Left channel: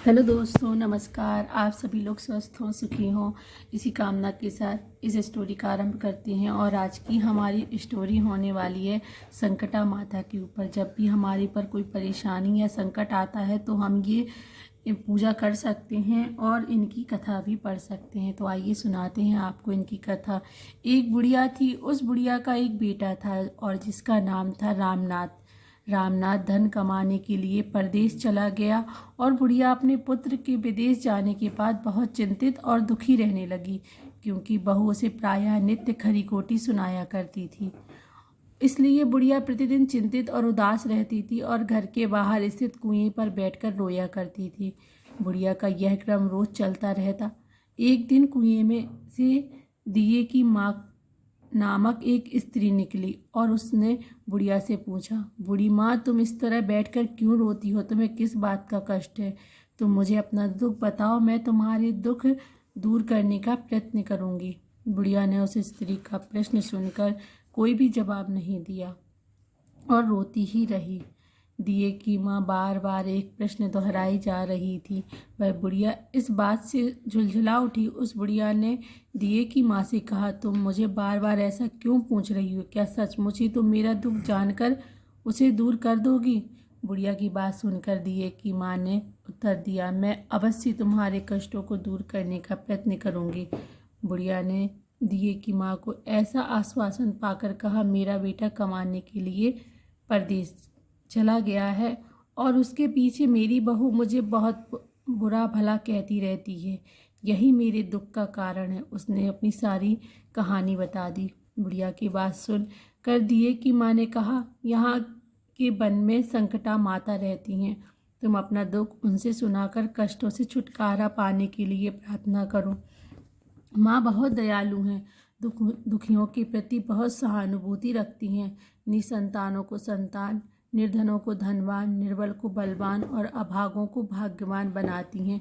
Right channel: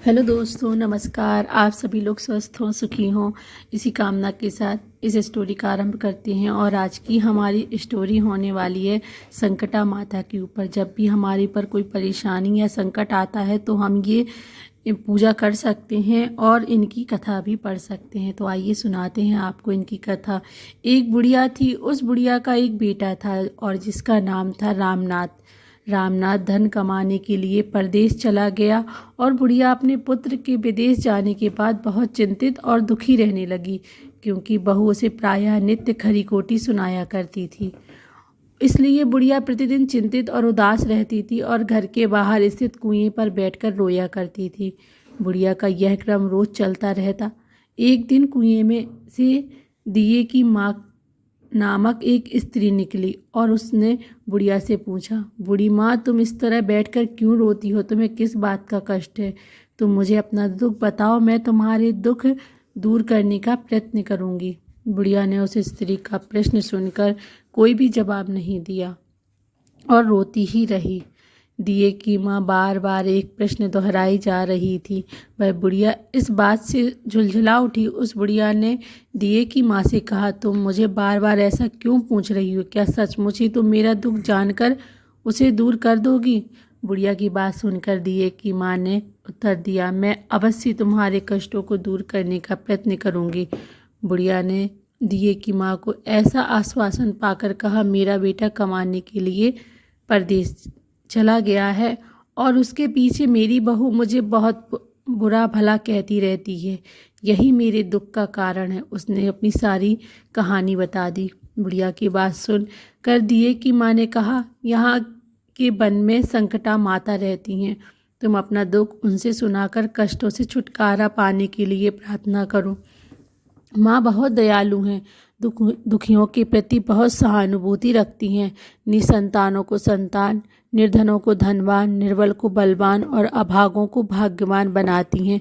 Hello दोस्तों, नमस्कार। आप सभी लोग स्वस्थ हों, सुखी हों, इसी कामना के साथ इस स्टोरी का आरंभ करते हैं। और आज की हमारी स्टोरी होने वाली है संकटा माता के ऊपर। जब भी हमारे पर कोई परेशानी या संकट आता है तो हम ये पूजा कर सकते हैं और इनकी कथा भी पढ़ सकते हैं। तो आइए सुनाते हैं आपको इनकी कथा। एक बुढ़िया थी, उस बुढ़िया का एक बेटा था और जिसका नाम था रामनाथ। रामनाथ धन कमाने के लिए परदेश चला गया और बुढ़िया अपने पुत्र के विदेश जाने के बाद बहुत चिंतित और दुखी रहने लगी, क्योंकि बहू उसे प्रायः नित्य खरी खोटी सुनाया करती थी। इसलिए बुढ़िया प्रतिदिन चिंतित और उदास रहती थी और घर के बाहर स्थित कुएं पर बैठकर रोया करती थी। बुढ़िया का यह क्रम रोज चलता रहता। एक दिन कुएं में से दिए की माँ नामक एक स्त्री निकली और उसने बुढ़िया से पूछा, बूढ़ी माँ, तुम इस तरह बैठकर क्यों रोती हो? तुम्हें किस बात का कष्ट है? तुम मुझे अपना दुख बताओ, मैं तुम्हारे दुख दूर करने का प्रयत्न करूंगी। बुढ़िया ने उस स्त्री का प्रश्न सुनकर कोई भी जवाब नहीं दिया और रोती ही रही। दिए की माँ बार बार एक प्रश्न दोहराई जा रही थी। वह बुढ़िया इस बात से झुलझुला उठी। उस बुढ़िया ने दिए की माँ से कहा, तुम मुझे बार बार ऐसा क्यों पूछ रही हो? क्या सचमुच ही तुम मेरा दुख जानकर उसे दूर कर दोगी? बुढ़िया की बात सुनकर दिए की माँ ने उत्तर दिया, मैं अवश्य तुम्हारे कष्टों को दूर करने का प्रयत्न करूंगी। बुढ़िया ने दिए की माँ को ऐसा आश्वासन पाकर कहा, मेरा बेटा कमाने के लिए परदेश चला गया है और उसके पीछे मेरी बहू मुझे बहुत बुरा भला कहती रहती है। यही मेरे दुख का कारण है। उसने अपनी सारी कहानी बता दी। बुढ़िया की बात सुन कर दिए की माँ ने कहा, यहाँ के वन में संकटा माता रहती हैं। तुम अपना दुख उनसे सुनाकर कष्टों से छुटकारा पाने के लिए प्रार्थना करो। माँ बहुत दयालु हैं, दुखियों के प्रति बहुत सहानुभूति रखती हैं। निसंतानों को संतान, निर्धनों को धनवान, निर्बल को बलवान और अभागों को भाग्यवान बनाती हैं।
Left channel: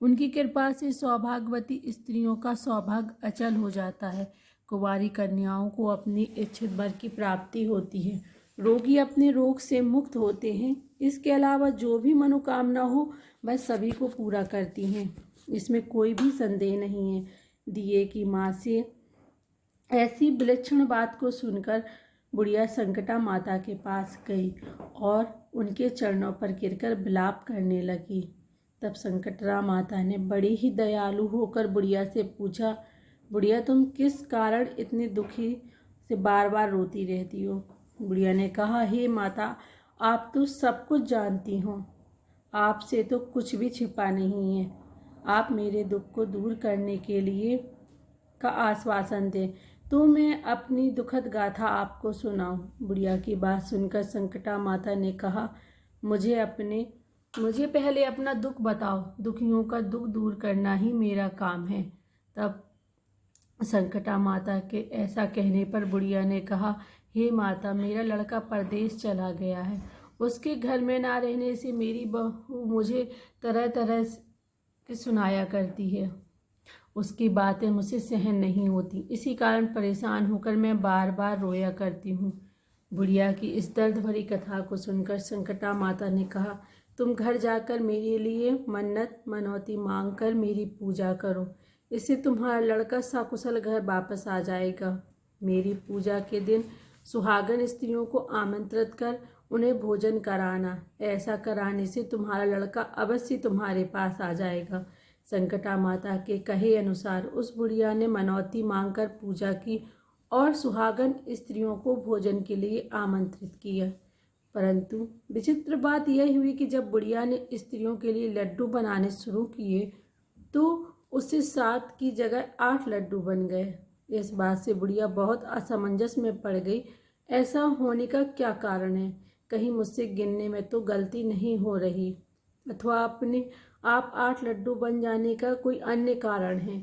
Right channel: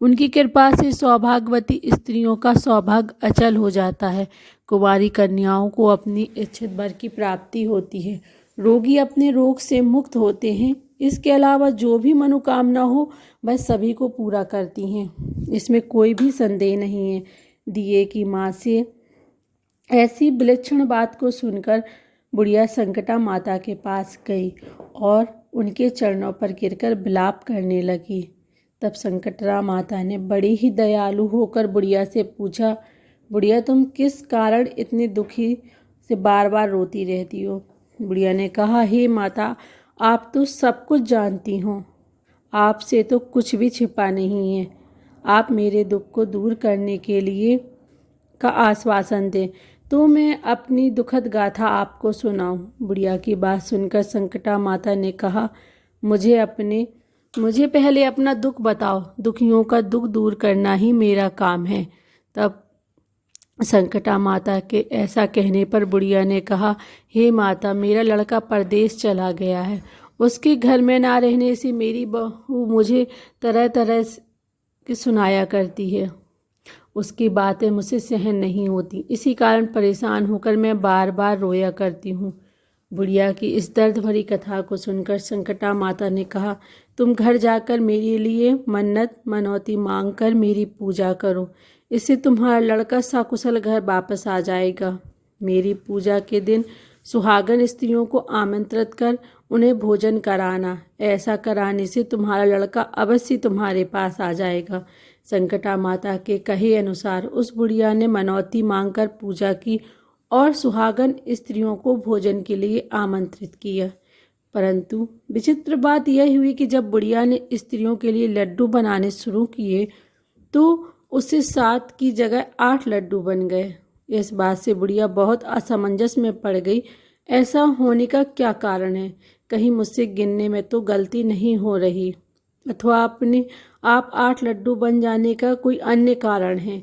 उनकी कृपा से सौभाग्यवती स्त्रियों का सौभाग्य अचल हो जाता है। कुंवारी कन्याओं को अपनी इच्छित वर की प्राप्ति होती है। रोगी अपने रोग से मुक्त होते हैं। इसके अलावा जो भी मनोकामना हो वह सभी को पूरा करती हैं। इसमें कोई भी संदेह नहीं है। दिए की माँ से ऐसी विलक्षण बात को सुनकर बुढ़िया संकटा माता के पास गई और उनके चरणों पर गिरकर विलाप करने लगी। तब संकटा माता ने बड़ी ही दयालु होकर बुढ़िया से पूछा, बुढ़िया, तुम किस कारण इतनी दुखी से बार बार रोती रहती हो? बुढ़िया ने कहा, हे माता, आप तो सब कुछ जानती हो, आपसे तो कुछ भी छिपा नहीं है। आप मेरे दुख को दूर करने के लिए का आश्वासन दें तो मैं अपनी दुखद गाथा आपको सुनाऊं। बुढ़िया की बात सुनकर संकटा माता ने कहा, मुझे पहले अपना दुख बताओ। दुखियों का दुख दूर करना ही मेरा काम है। तब संकटा माता के ऐसा कहने पर बुढ़िया ने कहा, हे माता, मेरा लड़का परदेश चला गया है। उसके घर में ना रहने से मेरी बहू मुझे तरह तरह की सुनाया करती है। उसकी बातें मुझसे सहन नहीं होती। इसी कारण परेशान होकर मैं बार बार रोया करती हूँ। बुढ़िया की इस दर्द भरी कथा को सुनकर संकटा माता ने कहा, तुम घर जाकर मेरे लिए मन्नत मनौती मांग कर मेरी पूजा करो। इससे तुम्हारा लड़का सकुशल घर वापस आ जाएगा। मेरी पूजा के दिन सुहागन स्त्रियों को आमंत्रित कर उन्हें भोजन कराना। ऐसा कराने से तुम्हारा लड़का अवश्य तुम्हारे पास आ जाएगा। संकटा माता के कहे अनुसार उस बुढ़िया ने मनौती मांगकर पूजा की और सुहागन स्त्रियों को भोजन के लिए आमंत्रित किया। परंतु विचित्र बात यह हुई कि जब बुढ़िया ने स्त्रियों के लिए लड्डू बनाने शुरू किए तो उससे 7 की जगह 8 लड्डू बन गए। इस बात से बुढ़िया बहुत असमंजस में पड़ गई। ऐसा होने का क्या कारण है? कहीं मुझसे गिनने में तो गलती नहीं हो रही, अथवा आप 8 लड्डू बन जाने का कोई अन्य कारण है।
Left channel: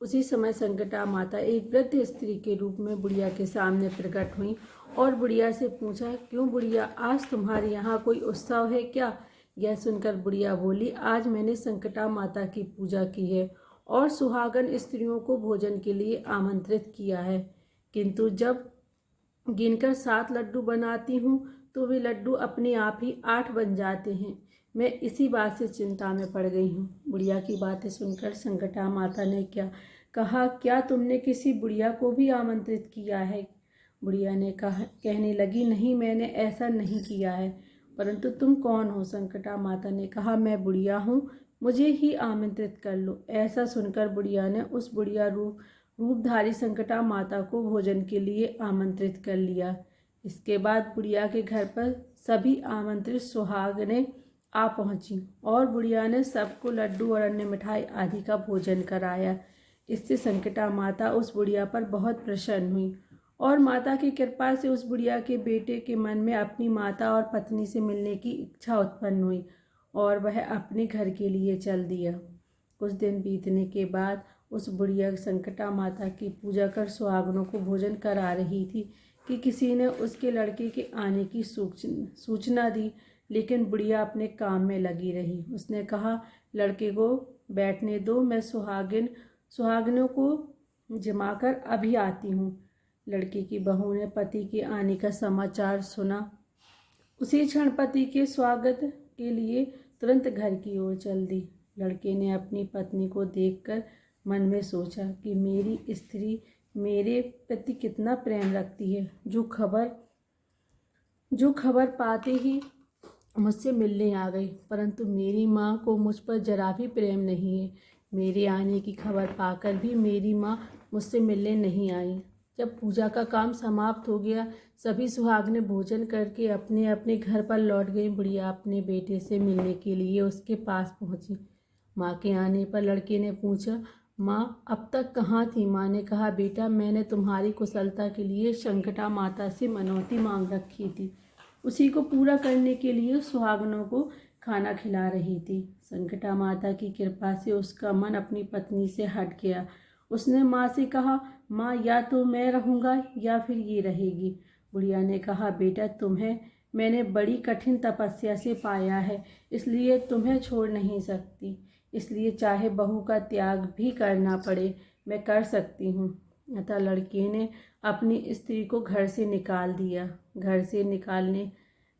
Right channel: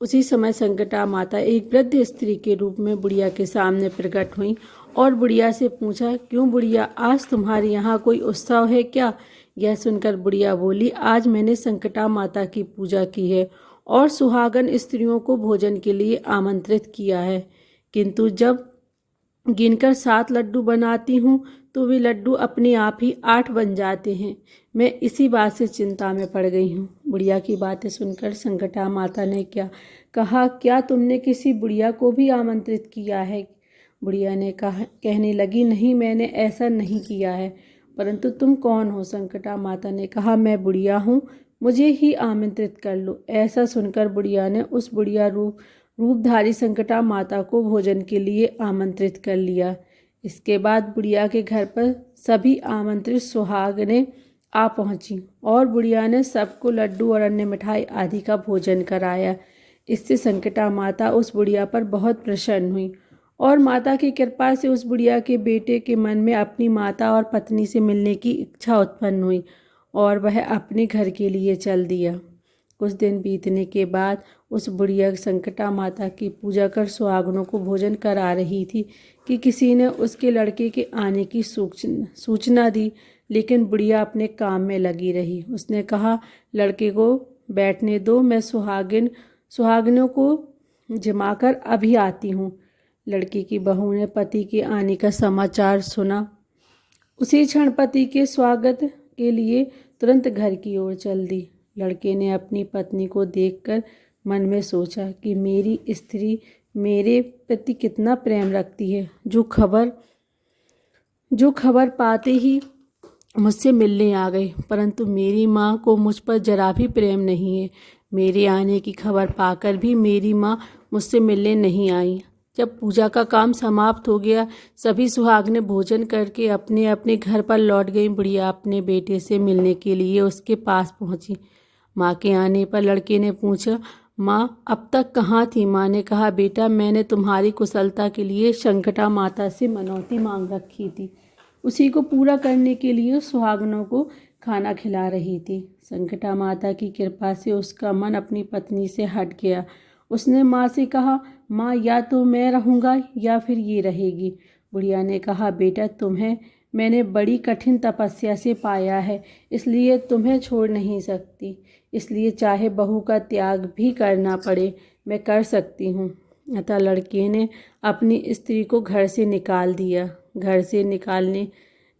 उसी समय संकटा माता एक वृद्ध स्त्री के रूप में बुढ़िया के सामने प्रकट हुई और बुढ़िया से पूछा, क्यों बुढ़िया, आज तुम्हारे यहाँ कोई उत्सव है क्या? यह सुनकर बुढ़िया बोली, आज मैंने संकटा माता की पूजा की है और सुहागन स्त्रियों को भोजन के लिए आमंत्रित किया है, किंतु जब गिनकर 7 लड्डू बनाती हूँ तो वे लड्डू अपने आप ही 8 बन जाते हैं। मैं इसी बात से चिंता में पड़ गई हूँ। बुढ़िया की बातें सुनकर संकटा माता ने कहा, क्या तुमने किसी बुढ़िया को भी आमंत्रित किया है? बुढ़िया ने कहने लगी, नहीं, मैंने ऐसा नहीं किया है। परंतु तुम कौन हो? संकटा माता ने कहा, मैं बुढ़िया हूँ, मुझे ही आमंत्रित कर लो। ऐसा सुनकर बुढ़िया ने उस बुढ़िया रूपधारी संकटा माता को भोजन के लिए आमंत्रित कर लिया। इसके बाद बुढ़िया के घर पर सभी आमंत्रित सुहागनें आ पहुंची और बुढ़िया ने सबको लड्डू और अन्य मिठाई आदि का भोजन कराया। इससे संकटा माता उस बुढ़िया पर बहुत प्रसन्न हुई और माता की कृपा से उस बुढ़िया के बेटे के मन में अपनी माता और पत्नी से मिलने की इच्छा उत्पन्न हुई और वह अपने घर के लिए चल दिया। कुछ दिन बीतने के बाद उस बुढ़िया संकटा माता की पूजा कर सुहागनों को भोजन करा रही थी कि किसी ने उसके लड़के के आने की सूचना दी, लेकिन बुढ़िया अपने काम में लगी रही। उसने कहा, लड़के को बैठने दो, मैं सुहागिनों को जमाकर अभी आती हूँ। लड़की की बहू ने पति के आने का समाचार सुना। उसी क्षण पति के स्वागत के लिए तुरंत घर की ओर चल दी। लड़के ने अपनी पत्नी को देखकर मन में सोचा कि मेरी स्त्री मेरे प्रति कितना प्रेम रखती है, जो खबर पाते ही मुझसे मिलने आ गई। परंतु मेरी माँ को मुझ पर जरा भी प्रेम नहीं है। मेरे आने की खबर पाकर भी मेरी माँ मुझसे मिलने नहीं आई। जब पूजा का काम समाप्त हो गया, सभी सुहागनें भोजन करके अपने अपने घर पर लौट गईं। बुढ़िया अपने बेटे से मिलने के लिए उसके पास पहुंची। माँ के आने पर लड़के ने पूछा, माँ अब तक कहाँ थी? माँ ने कहा, बेटा, मैंने तुम्हारी कुशलता के लिए संकटा माता से मनौती मांग रखी थी। उसी को पूरा करने के लिए सुहागनों को खाना खिला रही थी। संकटा माता की कृपा से उसका मन अपनी पत्नी से हट गया। उसने माँ से कहा, माँ, या तो मैं रहूँगा या फिर ये रहेगी। बुढ़िया ने कहा, बेटा, तुम्हें मैंने बड़ी कठिन तपस्या से पाया है, इसलिए तुम्हें छोड़ नहीं सकती। इसलिए चाहे बहू का त्याग भी करना पड़े, मैं कर सकती हूँ। अतः लड़के ने अपनी स्त्री को घर से निकाल दिया। घर से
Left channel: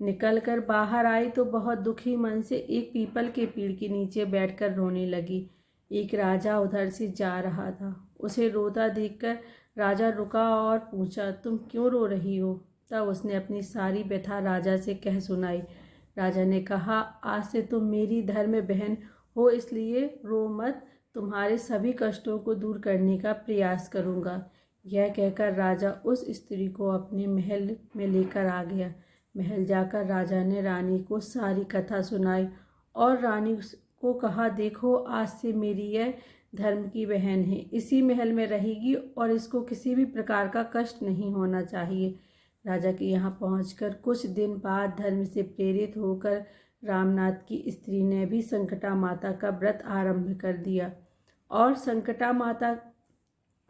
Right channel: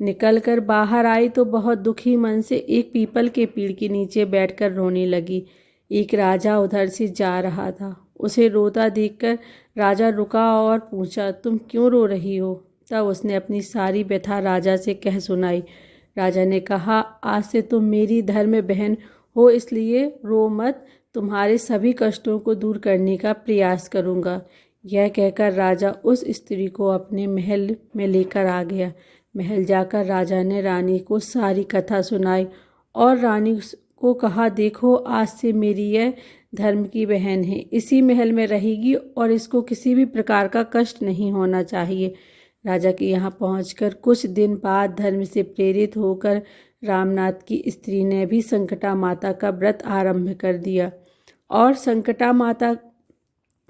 निकल कर बाहर आई तो बहुत दुखी मन से एक पीपल के पेड़ के नीचे बैठकर रोने लगी। एक राजा उधर से जा रहा था। उसे रोता देखकर राजा रुका और पूछा, तुम क्यों रो रही हो? तब उसने अपनी सारी व्यथा राजा से कह सुनाई। राजा ने कहा, आज से तुम मेरी धर्म बहन हो, इसलिए रो मत। तुम्हारे सभी कष्टों को दूर करने का प्रयास करूँगा। यह कहकर राजा उस स्त्री को अपने महल में लेकर आ गया। महल जाकर राजा ने रानी को सारी कथा सुनाई और रानी को कहा, देखो, आज से मेरी यह धर्म की बहन है, इसी महल में रहेगी और इसको किसी भी प्रकार का कष्ट नहीं होना चाहिए। राजा के यहाँ पहुंचकर कुछ दिन बाद धर्म से प्रेरित होकर रामनाथ की स्त्री ने भी संकटा माता का व्रत आरंभ कर दिया और संकटा माता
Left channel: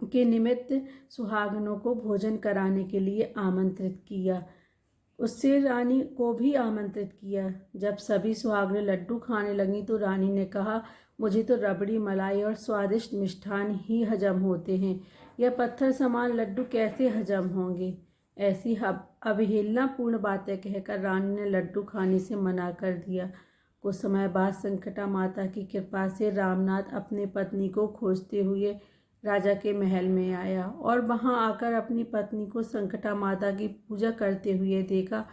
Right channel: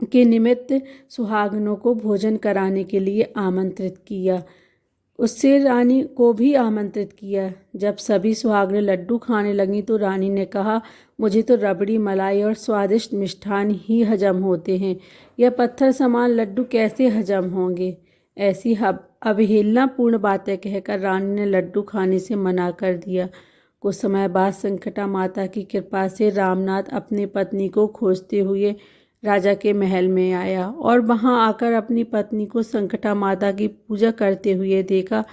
के निमित्त सुहागनों को भोजन कराने के लिए आमंत्रित किया। उससे रानी को भी आमंत्रित किया। जब सभी सुहागनें लड्डू खाने लगीं तो रानी ने कहा, मुझे तो रबड़ी, मलाई और स्वादिष्ट मिष्ठान ही हजम होते हैं, यह पत्थर समान लड्डू कैसे हजम होंगे? ऐसी अवहेलनापूर्ण बातें कहकर रानी ने लड्डू खाने से मना कर दिया। कुछ समय बाद संकटा माता की कृपा से रामनाथ अपनी पत्नी को खोजते हुए राजा के महल में आया और वहां आकर अपनी पत्नी को संकटा माता की पूजा करते हुए देखा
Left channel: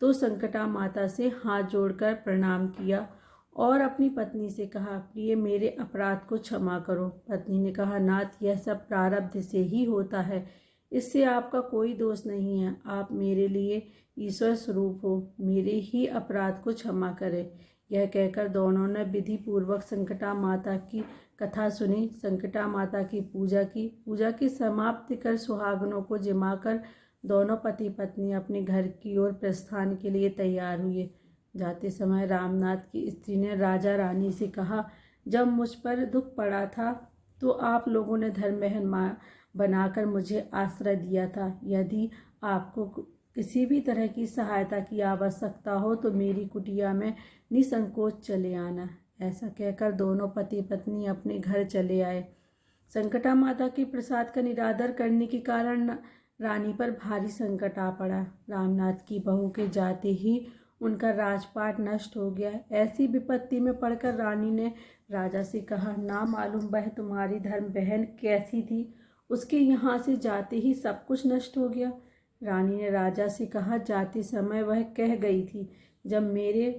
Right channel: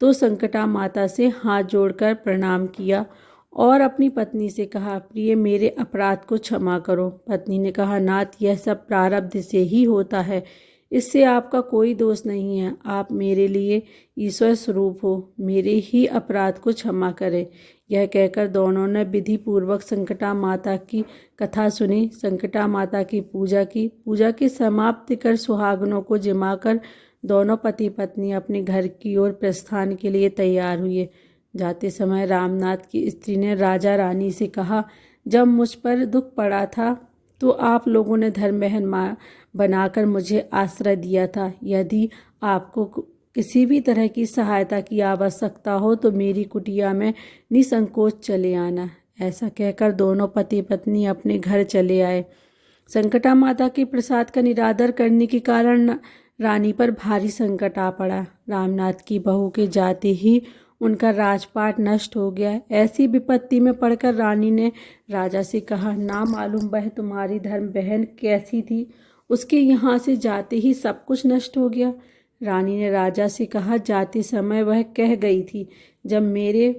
तो संकटा माता से हाथ जोड़कर प्रणाम किया और अपनी पत्नी से कहा, प्रिय, मेरे अपराध को क्षमा करो। पत्नी ने कहा, नाथ, यह सब प्रारब्ध से ही होता है, इससे आपका कोई दोष नहीं है। आप मेरे लिए ईश्वर स्वरूप हो, मेरे ही अपराध को क्षमा करें। यह कहकर दोनों ने विधि पूर्वक संकटा माता की कथा सुनी, संकटा माता की पूजा की समाप्ति कर सुहागनों को जिमाकर दोनों पति पत्नी अपने घर की ओर प्रस्थान के लिए तैयार हुए। जाते समय रामनाथ की स्त्री ने राजा रानी से कहा, जब मुझ पर दुख पड़ा था तो आप लोगों ने धर्म बहन बनाकर मुझे आश्रय दिया था। यदि आपको किसी भी तरह की सहायता की आवश्यकता हो तो मेरी कुटिया में निसंकोच चले आना। ऐसा कहकर दोनों पति पत्नी अपने घर चले आए। संकटा माता के प्रसाद का निरादर करने के कारण रानी पर भारी संकट आ पड़ा। रामनाथ की बहू के जाते ही उनका राजपाट नष्ट हो गया। ऐसी विपत्ति में पड़कर रानी ने राजा से कहा, ना मालूम वह तुम्हारी धर्म बहन कैसी थी, उसके यहाँ से जाते ही सब कुछ नष्ट हो गया। रानी ने राजा से कहा, जाते समय वह कह गई थी, जब मेरे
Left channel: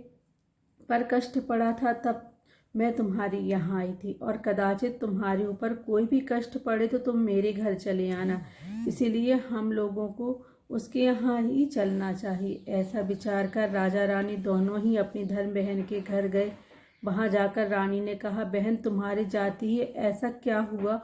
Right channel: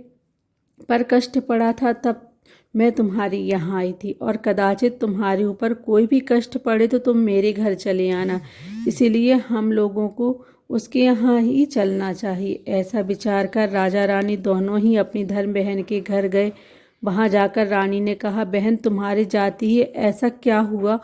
पर कष्ट पड़ा था तब मैं तुम्हारे यहाँ आई थी, और कदाचित तुम्हारे ऊपर कोई भी कष्ट पड़े तो तुम मेरे घर चले आना, इसीलिए हम लोगों को उसके यहाँ ही चलना चाहिए। ऐसा विचार कर राजा रानी दोनों ही अपनी धर्म बहन के घर गए। वहाँ जाकर रानी ने कहा, बहन तुम्हारे जाते ही ऐसा क्या हुआ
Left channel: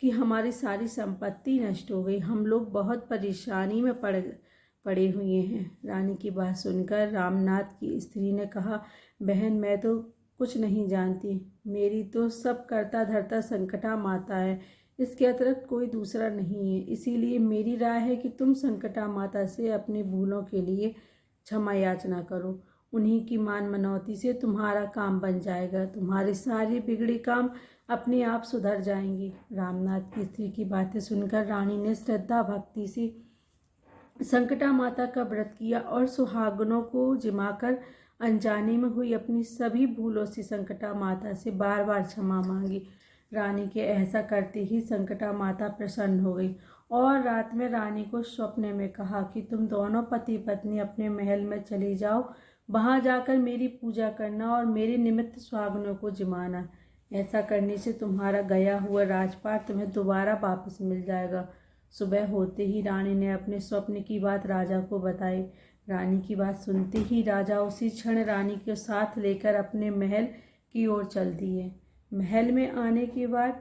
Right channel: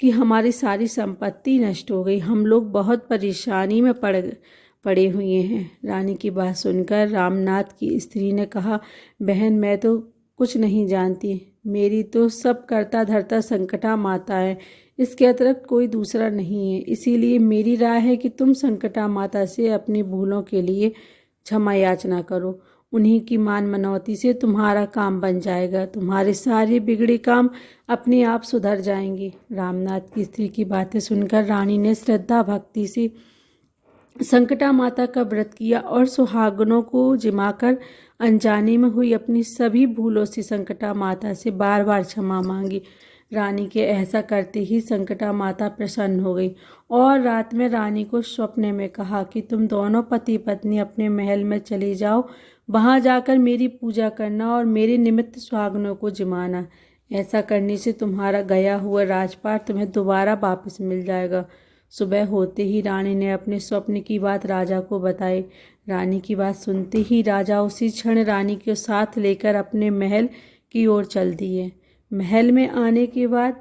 कि हमारी सारी संपत्ति नष्ट हो गई, हम लोग बहुत परेशानी में पड़े हुए हैं। रानी की बात सुनकर रामनाथ की स्त्री ने कहा, बहन मैं तो कुछ नहीं जानती, मेरी तो सब करता धरता संकटा माता है, इसके अतिरिक्त कोई दूसरा नहीं है, इसीलिए मेरी राय है कि तुम संकटा माता से अपनी भूलों के लिए क्षमा याचना करो। उन्हीं की मान मनौती से तुम्हारा काम बन जाएगा, तुम्हारे सारे बिगड़े काम अपने आप सुधर जाएंगे। रामनाथ की स्त्री की बातें सुनकर रानी ने श्रद्धा भक्ति से संकटा माता का व्रत किया और सुहागनों को जिमाकर अनजाने में हुई अपनी सभी भूलों से संकटा माता से बार बार क्षमा मांगी। रानी के ऐसा करते ही संकटा माता प्रसन्न हो गई और रात में रानी को स्वप्न में कहा कि तुम दोनों पति पत्नी अपने महल में चले जाओ, वहां जाकर मेरी पूजा करना और मेरे निमित्त सुहागनों को जिमाना। ऐसा करने से तुम्हारा गया हुआ राजपाट तुम्हें दोबारा वापस मिल जाएगा। सुबह होते ही रानी ने अपने स्वप्न की बात राजा को बताई। रानी की बात सुनते ही राजा उसी क्षण रानी के साथ लेकर अपने महल की ओर चल दिए। महल में आने के बाद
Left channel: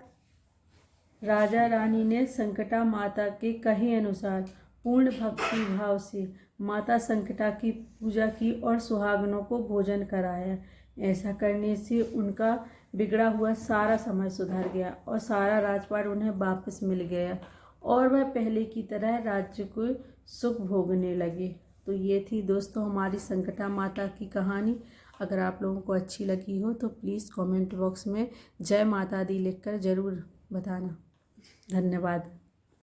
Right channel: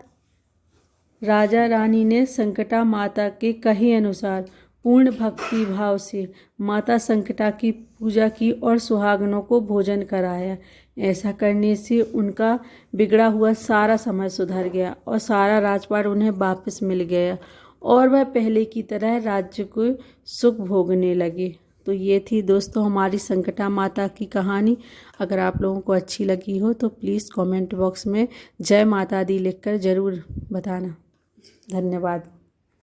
राजा रानी ने संकटा माता के कहे अनुसार पूर्ण भक्ति भाव से माता संकटा की पूजा की और सुहागनों को भोजन कराया। ऐसा करने से उनका बिगड़ा हुआ सारा समय सुधर गया और सारा राजपाट उन्हें वापस मिल गया और वह पहले की तरह राज्य को सुख भोगने लगे। तो ये थी दोस्तों हमारी संकटा माता की कहानी। अगर आप लोगों को अच्छी लगी हो तो प्लीज़ कमेंट बॉक्स में जय माता दी लिखकर ज़रूर बताना। धन्यवाद।